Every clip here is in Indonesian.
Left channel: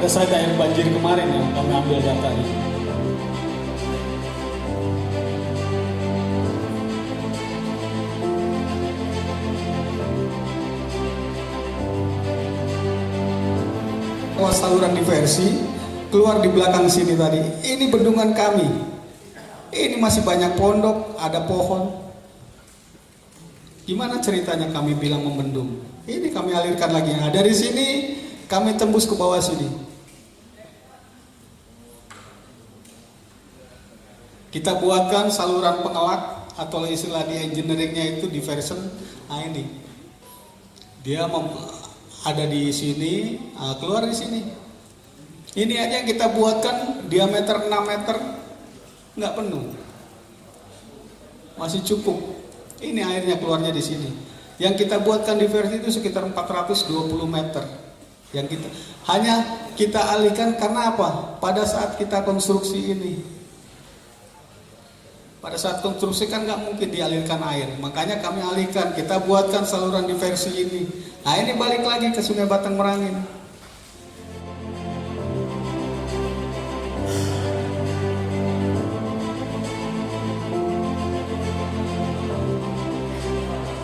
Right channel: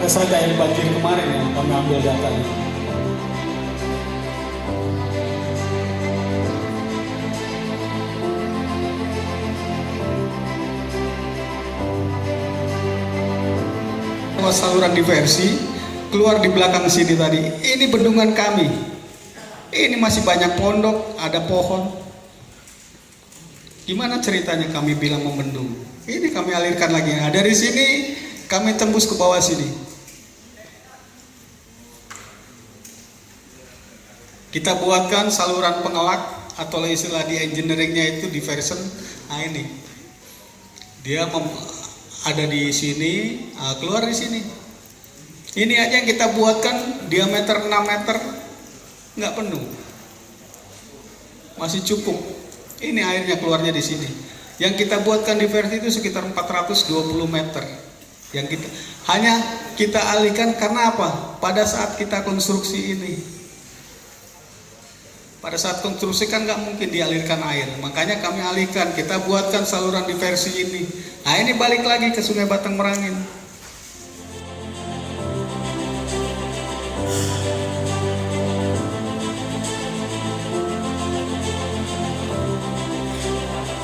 pada saat air banjir kemarin yang kami ambil datanya. Saluran diversi keluar di belakang sini tadi. Ini bendungan kami. Ini masih banyak pondok, ada pohon. Gimana ceritanya kami bilang membendung? Ini kami alirkan lagi. Nah, dari sini kami tembus ke bawah sini. Kita buatkan saluran pengelak atau istilah di engineeringnya itu diversion. Nah ini dia ada di sini, keluar di sini. Ini aja yang kita buatkan diameter 6 meter, nggak penuh, masih cukup. Ini airnya keluarnya di sini. Yang kita buatkan diversi itu sekitar 420 meter. Yang hanya kita alihkan karena apa? Pada saat kita konstruksi ini, pada saat konstruksi kan nggak mungkin dialirkan air, makanya kami alihkan, kita buatkan saluran diversi ini. Nah ini balik lagi ke Sungai Batang Merangin.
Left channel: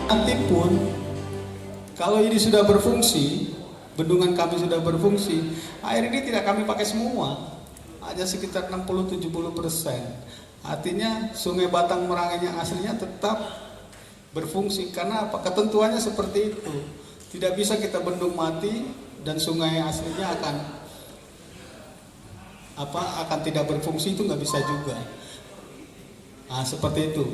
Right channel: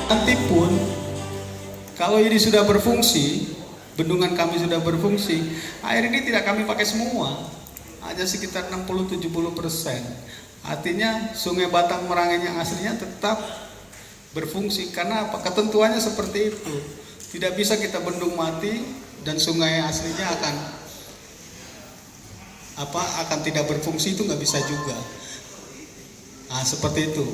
Nanti pun kalau ini sudah berfungsi, bendungan kami sudah berfungsi, air ini tidak kami pakai semua, hanya sekitar 60-70%. Artinya Sungai Batang Merangin yang aslinya tetap berfungsi. Karena apa? Ketentuannya seperti itu. Tidak bisa kita bendung mati dan sungai aslinya akan tidak berfungsi, itu nggak bisa juga. Nah seperti itu.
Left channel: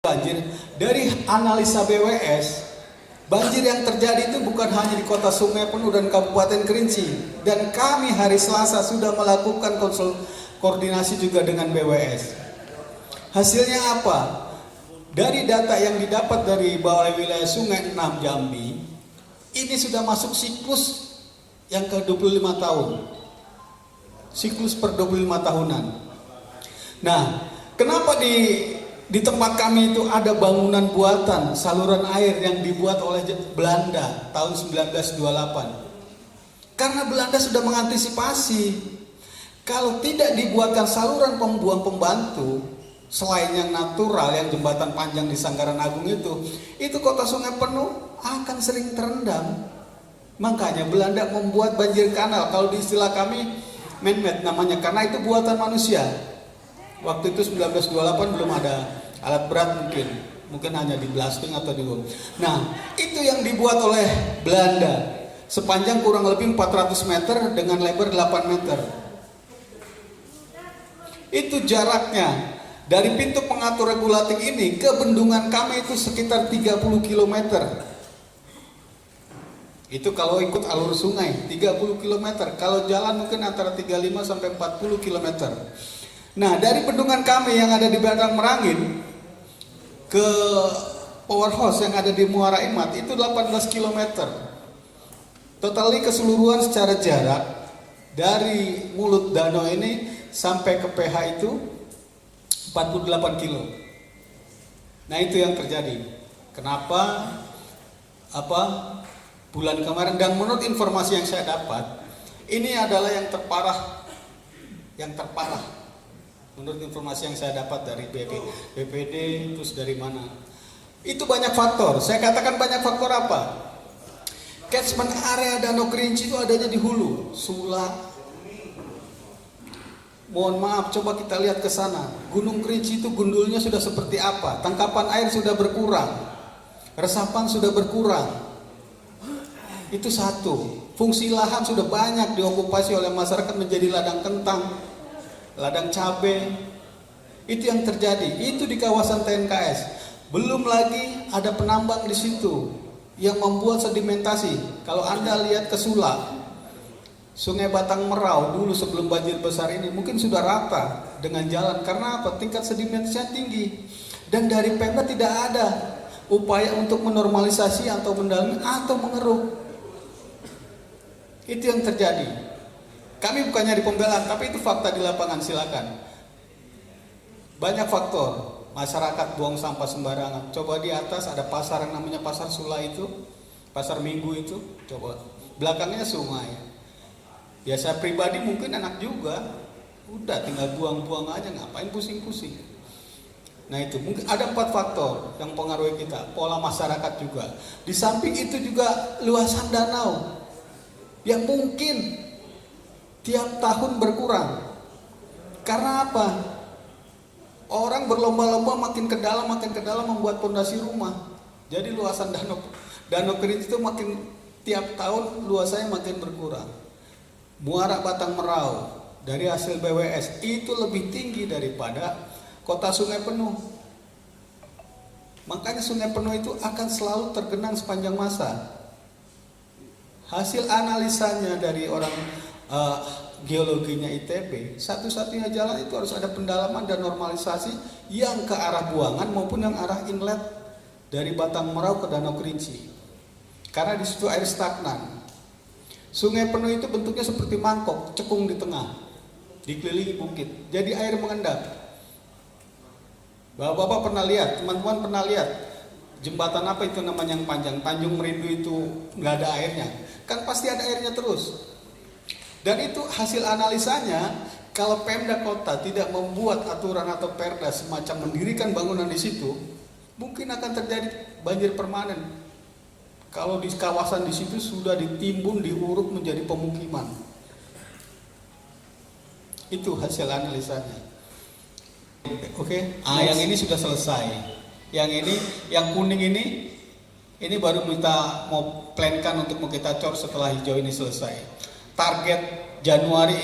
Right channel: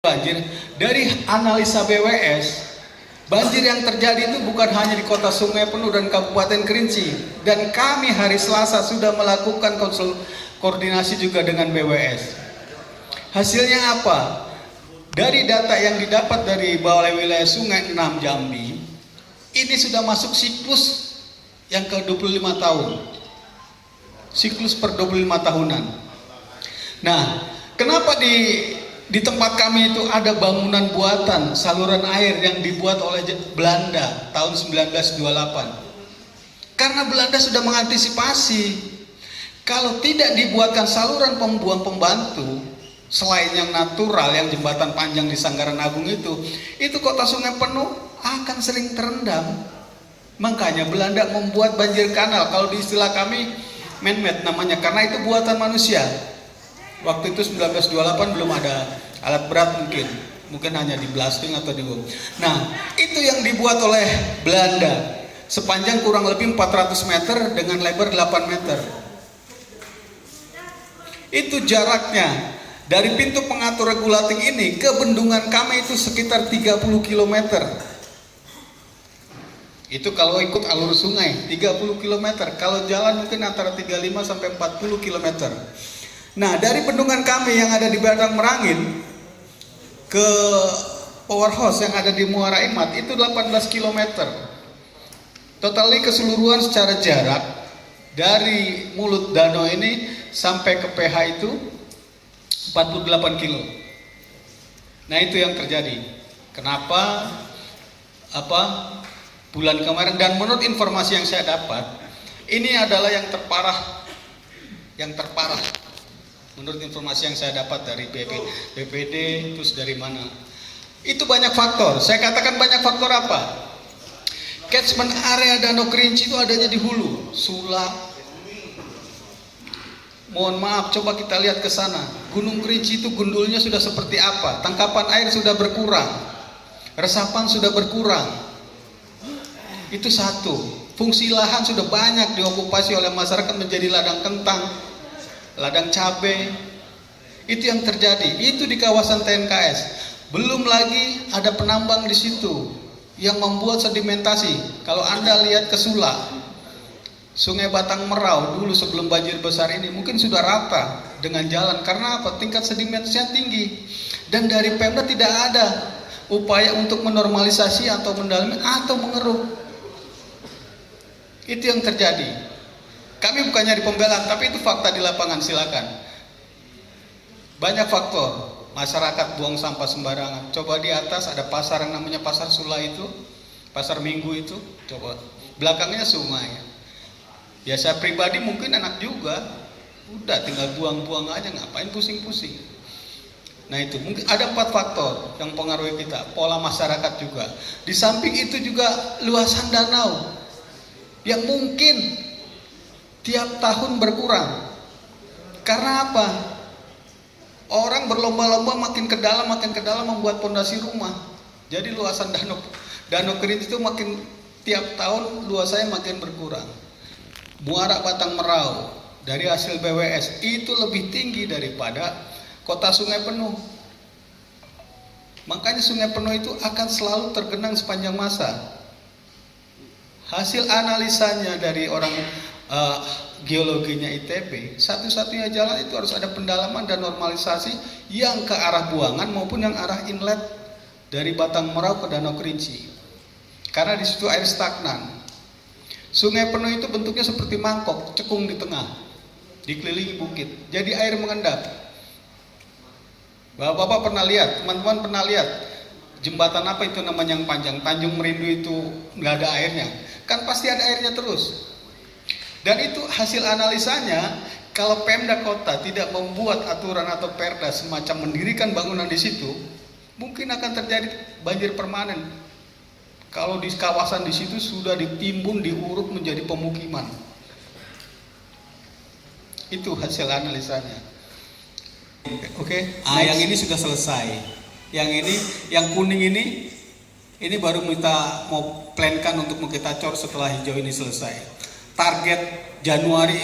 Banjir, dari analisa BWS, banjir yang terjadi itu bukan hanya di Kota Sungai Penuh dan Kabupaten Kerinci, dan kami hari Selasa sudah melakukan koordinasi juga dengan BWS. Hasilnya apa? Dari data yang didapat dari Balai Wilayah Sungai 6 Jambi, ini sudah masuk siklus yang ke-25 tahun. Siklus per 25 tahunan. Nah, kenapa di tempat kami itu ada bangunan buatan saluran air yang dibuat oleh Belanda tahun 1928. Karena Belanda sudah mengantisipasi kalau tidak dibuatkan saluran pembuang pembantu selain yang natural, yang jembatan panjang di Sanggaran Agung itu Kota Sungai Penuh akan sering terendam. Makanya Belanda membuat banjir kanal, kalau di istilah kami man-made namanya, karena itu buatan manusia. Waktu itu 1928 belum ada alat berat, mungkin hanya di blasting atau di bom. Nah itu yang dibuat oleh Belanda, sepanjang kurang lebih 400 meter dengan lebar 8 meter. Itu jaraknya dari pintu pengatur regulating ini ke bendungan kami itu sekitar 30 km. Itu kalau ikut alur sungai 30 km, kalau jalan mungkin antara 35 sampai 40 km. Nah, dari bendungan kami yang ada di Batang Merangin ke powerhouse yang ada di Muara Emat itu 18 km. Totali keseluruhan secara jarak dari mulut danau ini sampai ke PH itu 48 kilo. Nah, itu yang terjadi. Kenapa bulan kemarin, dan menurut informasi yang saya dapat, ini adalah yang terparah. Menurut informasi yang saya dapat dari BPD, terus dari mana? Itu banyak faktor. Saya katakan banyak faktor apa? Catchment area Danau Kerinci itu adanya di hulu, Sulak. Mohon maaf, coba kita lihat ke sana. Gunung Kerinci itu gundulnya sudah seperti apa? Tangkapan air sudah berkurang, resapan sudah berkurang. Itu satu. Fungsi lahan sudah banyak diokupasi oleh masyarakat menjadi ladang kentang, ladang cabai. Itu yang terjadi. Itu di kawasan TNKS. Belum lagi ada penambang di situ yang membuat sedimentasi. Kalau Anda lihat ke Sulak, Sungai Batang Merau dulu sebelum banjir besar ini mungkin sudah rata dengan jalan. Karena apa? Tingkat sedimentasinya tinggi. Dan dari Pemda tidak ada upaya untuk menormalisasi atau mendalami atau mengeruk. Itu yang terjadi. Kami bukan nyari pembelaan, tapi itu fakta di lapangan, silakan. Banyak faktor. Masyarakat buang sampah sembarangan. Coba di atas ada pasar yang namanya Pasar Sula itu, Pasar Minggu itu, coba. Belakangnya sungai. Ya saya pribadi mungkin enak juga. Udah tinggal buang-buang aja, ngapain pusing-pusing. Nah itu mungkin ada 4 faktor yang mempengaruhi kita. Pola masyarakat juga. Di samping itu juga luasan danau yang mungkin tiap tahun berkurang. Karena apa? Orang berlomba-lomba makin ke dalam membuat pondasi rumah. Jadi luasan danau Kerinci itu makin tiap tahun luasannya makin berkurang. Muara Batang Merau dari hasil BWS itu lebih tinggi daripada kota Sungai Penuh. Makanya Sungai Penuh itu akan selalu tergenang sepanjang masa. Hasil analisanya dari orang geologinya ITB, satu-satunya jalan itu harus ada pendalaman dan normalisasi yang ke arah buangan maupun yang arah inlet dari Batang Merau ke Danau Kerinci. Karena di situ air stagnan. Sungai Penuh itu bentuknya seperti mangkok, cekung di tengah, dikelilingi bukit. Jadi air mengendap. Bapak-bapak pernah lihat, teman-teman pernah lihat jembatan apa itu namanya yang panjang, Tanjung Merindu itu nggak ada airnya, kan pasti ada airnya terus. Dan itu hasil analisanya, kalau Pemda Kota tidak membuat aturan atau perda semacam mendirikan bangunan di situ, mungkin akan terjadi banjir permanen. Kalau di kawasan di situ sudah ditimbun, diuruk menjadi pemukiman. Itu hasil analisanya. Oke. Yang ini sudah selesai. Yang ini, yang kuning ini baru mau plankan untuk kita cor setelah hijau ini selesai. Target Januari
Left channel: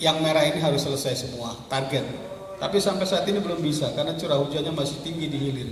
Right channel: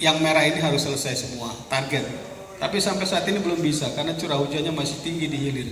yang merah ini harus selesai semua, target. Tapi sampai saat ini belum bisa karena curah hujannya masih tinggi di hilir.